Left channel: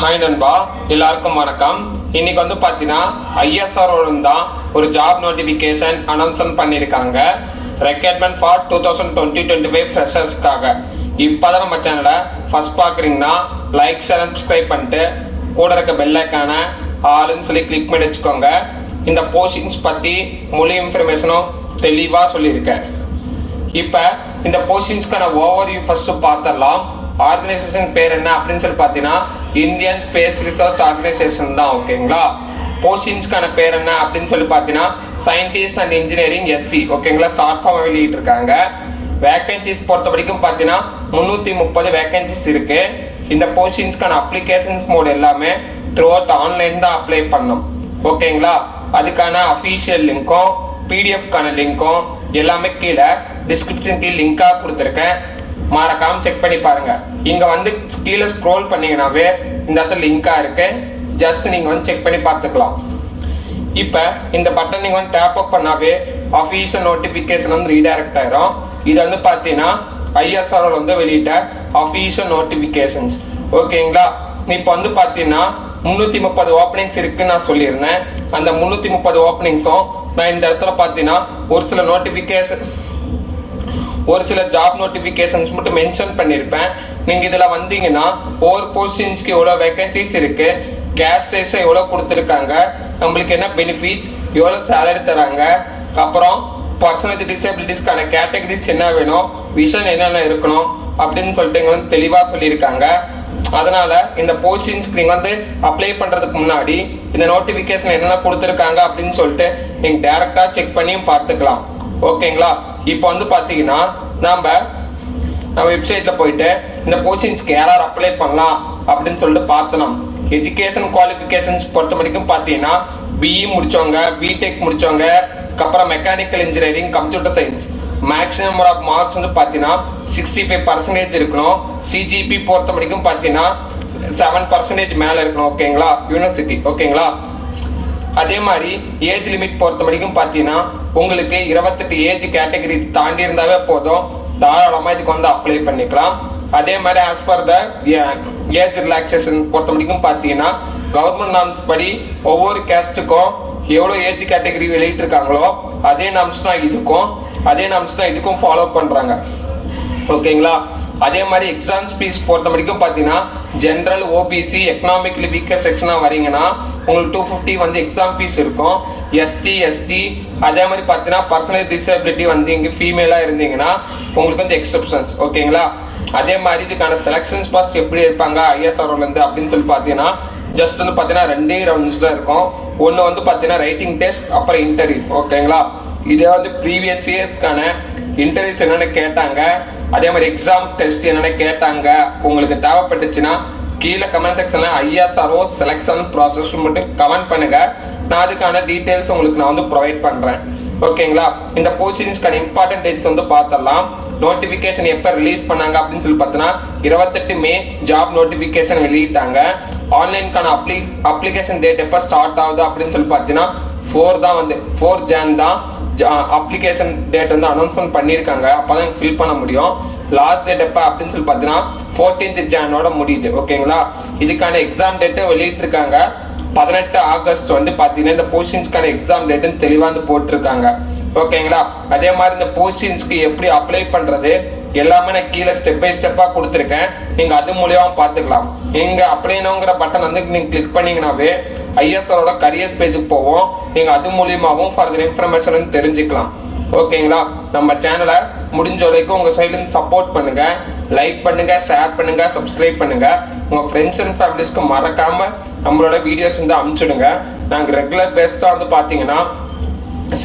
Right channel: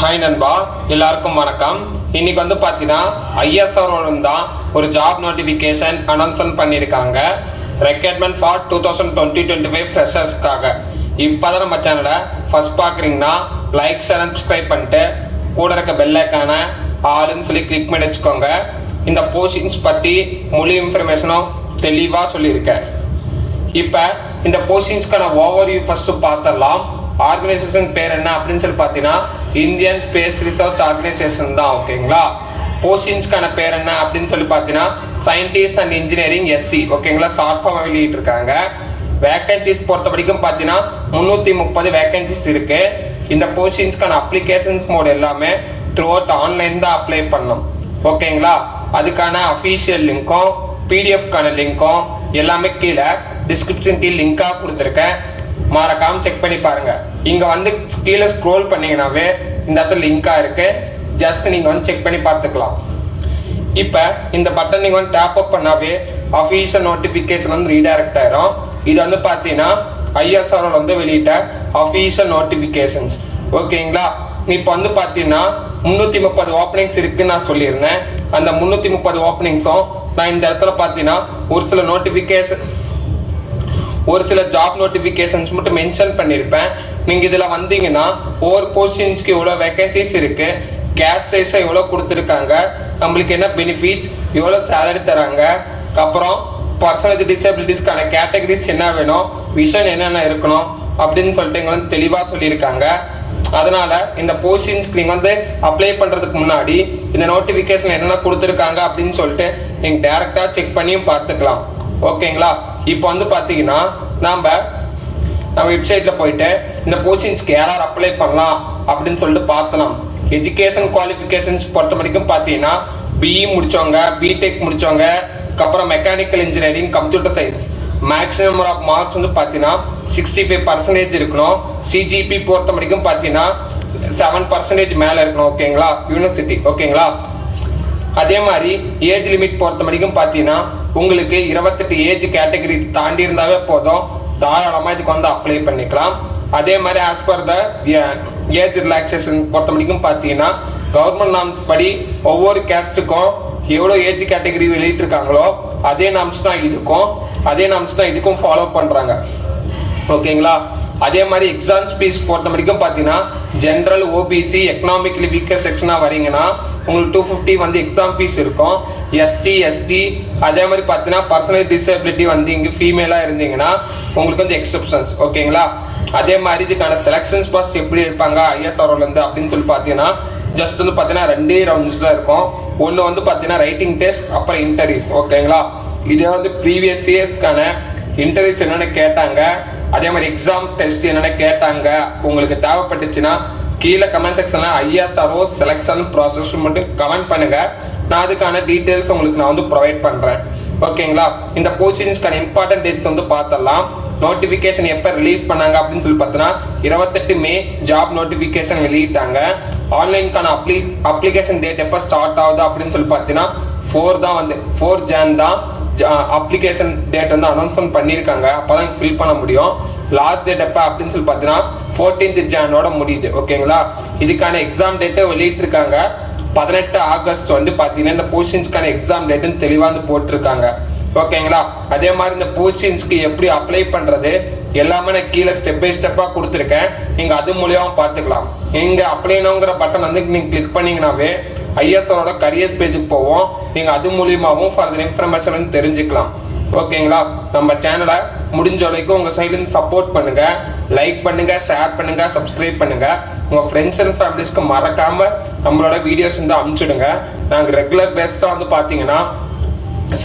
Hi நண்பா, எல்லாருக்கும் வணக்கம். இன்னைக்கு வந்து பார்த்தீங்கன்னா ஐஎஸ்ஆரோட தான் ஒரு ஜாப் நோட்டிஃபிகேஷன் அனௌன்ஸ்மெண்ட் பண்ணியிருக்காங்க. Requirement for 2020-25 ஃப்ரெஷர்ஸ்க்காக. இப்போ தான் நம்ம சேனலை ஃபர்ஸ்ட் பார்க்குறீங்கன்னா லைக், ஷேர் அண்ட் சப்ஸ்கிரைப் பண்ணிட்டு கூட இருக்க பெல் ஐக்கானை ஆளுன்னு சொல்லி கிளிக் பண்ணி வச்சுக்கோங்க. இந்த போஸ்டிங்ஸ் பற்றி முழு இன்ஃபர்மேஷனும் தெளிவாக சொல்லியிருக்கேன். இப்போ இந்த போஸ்டிங்ஸ்க்கான ஓவர்வியூ ஃபர்ஸ்ட் பார்த்துடலாம். ஆர்கனைசேஷன் பேர் என்ன அப்படின்னு சொல்லி பார்த்தீங்கன்னா இந்தியன் ஸ்பேஸ் ரிசர்ச் ஆர்கனைசேஷன் தான். ஓகேங்களா. போஸ்டிங்ஸ்க்கான பேர் என்ன அப்படின்னு சொல்லி பார்த்தீங்கன்னா சயின்டிஸ்ட் அண்ட் இன்ஜினியரிங் எஸ்சி. ஓகேங்களா. ஷார்ட் ஃபார்ம் வெளியிட்டு இருக்காங்க. வேகன்சிஸ் பொறுத்த வரைக்கும் பார்த்தீங்கன்னா 330 வேகன்சிஸ் இருக்கு. இந்த போஸ்டிங்ஸ்க்கான அப்ளிகேஷன்ஸ் மோட் எல்லாமே த்ரூ அவுட் ஆன்லைன் தான் அப்ளை பண்ணணும். ஓகேங்களா. அதுக்கான அஃபீஷியல் லிங்க்கும் பிடிஎஃப்கான லிங்க்கும் எல்லாமே கீழே டிஸ்கிரிப்ஷன் கீழே லிங்காக கொடுத்துருக்கேன். மறக்காம செக் பண்ணி பாருங்க. இங்க வந்து கீழே ஸ்க்ரோல் பண்ணீங்கன்னாவே இந்த இடத்துல லிங்கா இருக்கு. ஜஸ்ட் நீங்க வந்து செக் பண்ணி பார்த்துக்கலாம். இப்போ இந்த பட்டன் நீங்க வந்து டேப் அப் பண்ணாவே அஃபீஷியல் நோட்டிஃபிகேஷன் வந்து ரீடைரக்ட் ஆயிரும். இது வந்து பார்த்தீங்கன்னா ஐஎஸ்ஆர்ஓ வந்து வெளியிட்ட அஃபீஷியல் நோட்டிஃபிகேஷன்ஸ். ஓகேங்களா. இப்போ வந்து பார்த்தீங்கன்னா 330 ஓப்பனிங்ஸ் இருக்குன்னு நான் சொல்லியிருந்தேன். அந்த 330 ஓப்பனிங்ஸும் நான் இந்த இடத்துல பார்த்தீங்கன்னா ஒரு சில ஜாப் நோட்டிஃபிகேஷன்ஸ் மட்டும் மென்ஷன் பண்ணியிருப்பேன். நீங்கள் இதில் வந்தீங்கன்னா ஒவ்வொரு போஸ்டிங்ஸ்க்கு எவ்வளோ வேகன்சிஸ் இருக்குது, கேஷ் சைஸை எவ்வளோ கொடுத்துருக்காங்க, நம்மளுக்கு என்ன பெனிஃபிட்ஸ், எவ்வளோ சேலரி தராங்க, அப்புறம் பர்சனல் டிசபிலிட்டிஸ்க்கான கேட்டகரிஸ் என்ன வேணும், விஷன் என்னென்ன இருக்கணும் அப்படின்னு சொல்லிட்டு இங்கே வந்து தெளிவாக சொல்லியிருக்காங்க. அதனால் இந்த போஸ்டிங்ஸ்க்கு நீங்கள் வந்து அப்ளை பண்ணுறதுக்கு முன்னாடி இந்த நோட்டிஃபிகேஷன் என்னென்ன கொடுத்துருக்காங்க அப்படின்னு சொல்லிட்டு நீங்கள் டேரெக்டாக செக் பண்ணியும் பார்த்துக்கலாம். ஓகேங்களா. இப்போ வந்து பார்த்தீங்கன்னா நம்ம வெப்சைட்டில் போயிட்டு இந்த போஸ்டிங்ஸ்க்கு யார் அப்ளை பண்ணலாம் அப்படின்னு சொல்லிட்டு பார்த்தலாம். எஜுகேஷன் குவாலிஃபிகேஷன்ஸ் பொறுத்த வரைக்கும் பார்த்தீங்கன்னா பிஇ முடித்தவங்க, பிடெக் முடித்தவங்க, அப்புறம் mechanical engineering, computer science, maximum number of marks வந்து பார்த்தீங்கன்னா 65% இருக்கணும். சிஜிபி பொறுத்த வரைக்கும் பார்த்தீங்கன்னா 7% மேலே இருக்கணும். ஓகேங்களா. யூனிவர்சிட்டி. ஓகேங்களா. அதே மாதிரி ஏஜ் லிமிட் பொறுத்த வரைக்கும் பார்த்தீங்கன்னா உங்களுக்கு 28 ஏஜ் கேட்டகரி தாண்டி இருந்தாவே போதும், தாராளமாக இதுக்கு வந்து அப்ளை பண்ணிக்கலாம். அதே மாதிரி as per the age relaxation பொறுத்த வரைக்கும் பார்த்தீங்கன்னா கவர்மெண்ட் நாம்ஸ் படி ஒவ்வொரு கேஸ்ட்டுக்கும் எவ்வளோ ஏஜ் கேட்டகரி வெளியிட்டிருக்காங்களோ அதே நாம்ஸ் தான் இதுக்கும் ஃபாலோ பண்ணுறாங்க. ஓகேங்களா. அதே மாதிரி எக்ஸாம்ஸ் ஃபீஸ் பொறுத்த வரைக்கும் பார்த்தீங்கன்னா ஜென்ரல், ஓபிசி, எக்கனாமிக்கலி வீக்கர் செக்ஷனாக வரீங்கன்னா உங்களுக்கு 250 வந்து எக்ஸாம் ஃபீஸ் இருக்கும். எஸ்டி அதே மாதிரி பார்த்தீங்கன்னா பர்சனல் டிசபிலிட்டி வந்து இங்கே ஃபீமேலாக இருந்தீங்கன்னா உங்களுக்கு வந்து எக்ஸப்ஷன்ஸ். ஓகேங்களா. அதே மாதிரி இதுக்கான செலெக்ஷன்ஸ் பாஸ்ட் எப்படி இருப்பாங்க ஐஎஸ்ஆர்ஓலேருந்து அப்படின்னு சொல்லி பார்த்தீங்கன்னா ஜஸ்ட் வந்து பார்த்தீங்கன்னா 2 ரவுண்ட்ஸ் தான் இருக்கும். ஒன்று வந்து பார்த்தீங்கன்னா ரைட்டிங் டெஸ்ட், அப்புறம் இன்டர்வியூஸ். ஓகேங்களா. இதே வந்து ப்ரீவியஸ் இயர்ஸ்க்கான இன்டர்வியூஸ் என்னென்ன கேட்டாங்க, அதே மாதிரி எக்ஸாம் டெஸ்ட் என்னென்ன கேட்டாங்க உங்களுக்கு தேவைப்பட்டுச்சுன்னா கீழே கமெண்ட் செக்ஷனில் ஐஎஸ்ஆர்ஓ செலெக்ஷன் ப்ராசஸ் மட்டும் கமெண்ட் பண்ணுங்கள். நான் அதுக்கான டீட்டெயில்ஸ் உங்களுக்கு நான் வந்து ப்ரொவைட் பண்ணுறேன். ஓகேங்களா. இந்த போஸ்டிங்ஸ்க்கான இம்பார்ட்டன்ட் டேட்ஸ் வந்து பார்த்தலாம். நோட்டிஃபிகேஷன் எப்போ ரிலீஸ் பண்ணாங்க அப்படின்னு சொல்லி பார்த்தோன்னா 28 மே ஜாப் நோட்டிஃபிகேஷன் வெளியிட்டாங்க. ஆன்லைனுக்கான அப்ளிகேஷன் டேட் எப்போ ஸ்டார்ட் ஆகுது அப்படின்னு சொல்லி பார்த்தீங்கன்னா 4 ஜான் தான் அப்ளிகேஷன் டேட் வந்து அனௌன்ஸ்மெண்ட் பண்ணியிருக்காங்க. அப்போ தான் ஃபில் பண்ண முடியும். லாஸ்ட் டேட் எப்போ அப்படின்னு சொல்லி பார்த்தீங்கன்னா 14 ஜானோட முடியுது. ஓகேங்களா. இதுக்கான எக்ஸாம் டேட்டை வெளியிட்டிருக்காங்க. 18 ஆகஸ்ட் வந்து பார்த்தீங்கன்னா இந்த போஸ்டிங்ஸ்க்கான எக்ஸாம் டேட்டுன்னு தெளிவாக வந்து போட்டிருக்காங்க. ஓகேங்களா. அதே மாதிரி இந்த போஸ்டிங்ஸ்க்கு எப்படி அப்ளை பண்ணுறது எல்லாமே நான் கீழே ஸ்டெப் பை ஸ்டெப்பாக கொடுத்துருக்கேன். நீங்கள் அது மூலியமாக பார்த்துக்கலாம். இங்கே அப்ளைனுங்கிற பட்டன் வந்து நீங்கள் கிளிக் பண்ணிங்கனாவே ஐஎஸ்ஆரோட கரியர்ஸ் பேஜுக்கு போவோம். நீங்கள் அது மூலியமாகவும் ஃபர்தர் இன்ஃபர்மேஷன் தெரிஞ்சுக்கலாம். ஓகேங்களா. நம்ம சேனலை முடிஞ்ச வரைக்கும் உங்கள் சைட்லேருந்து சப்போர்ட் பண்ணுங்கள். லைக் பண்ணுங்கள், ஷேர் பண்ணுங்கள், சப்ஸ்கிரைப் பண்ணுங்கள். உங்கள் ஃப்ரெண்ட்ஸ் அண்ட் ஃபேமிலிஸ்க்கு மறக்காமல் நம்மளோட வீடியோஸ் வந்து அனுப்பிச்சுடுங்க. நாங்கள் ரெகுலர் பேஸ்டாக வந்து பார்த்தீங்கன்னா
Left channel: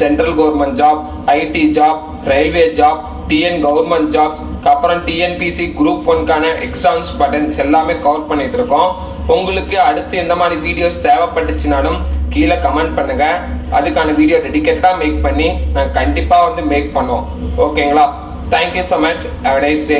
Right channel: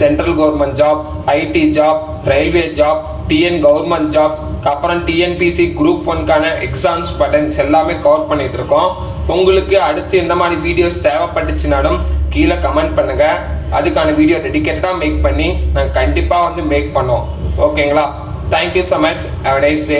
central government job, IT job, railway job, TN government jobs, அப்புறம் டிஎன்பிசி குரூப் 1க்கான எக்ஸாம்ஸ் பட்டன்ஸ் எல்லாமே கவர் பண்ணிட்டு இருக்கோம். உங்களுக்கு அடுத்து எந்த மாதிரி வீடியோஸ் தேவைப்பட்டுச்சுனாலும் கீழே கமெண்ட் பண்ணுங்க. அதுக்கான வீடியோ டெடிகேட்டடாக மேக் பண்ணி நாங்கள் கண்டிப்பாக வந்து மேக் பண்ணுவோம். ஓகேங்களா. Thank you so much. Have a nice day.